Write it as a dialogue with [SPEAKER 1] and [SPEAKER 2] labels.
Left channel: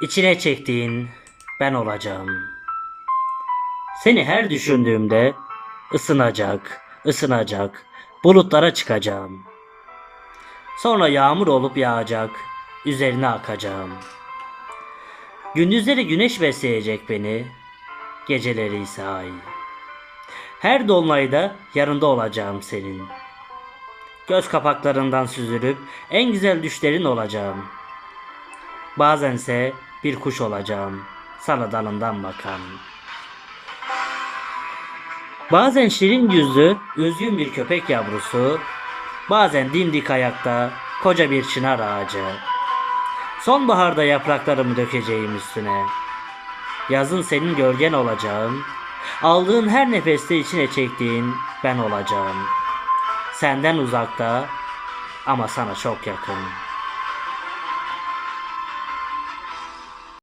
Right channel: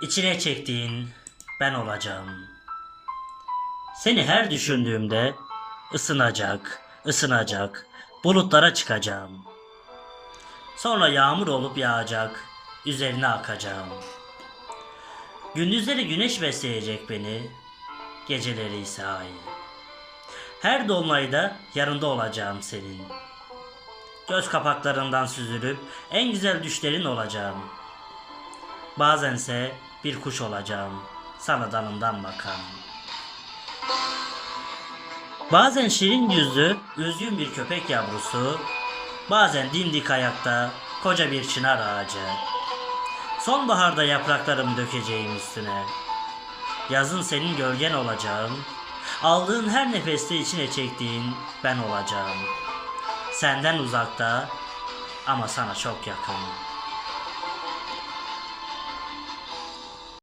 [SPEAKER 1] İçine çektiğin ben olacağım. Seni her düşündüğümde ısınacak, ısınacak, bulutlara çıkacağım. Sonra yağmur olup yağacak, üzerine akacağım. Gündüzleri güneş besleyecek beni, geceleri ise ay. Her dolunayda yanında olacağım senin. Göz kapaklarından süzülüp en güzel düşlerin olacağım. Bazense bir kuş olacağım, sana dalından bakan. Bazen şirin yüzlü, üzgün bir köpek yavrusu, bazen dimdik ayakta koca bir çınar ağacı. Sonbaharda yapraklarımı dökeceğim üstüne. Yazın senin gölgen olacağım. Aldığın her nefeste içine çektiğin ben olacağım. Senden uzakta ama sana çok yakın.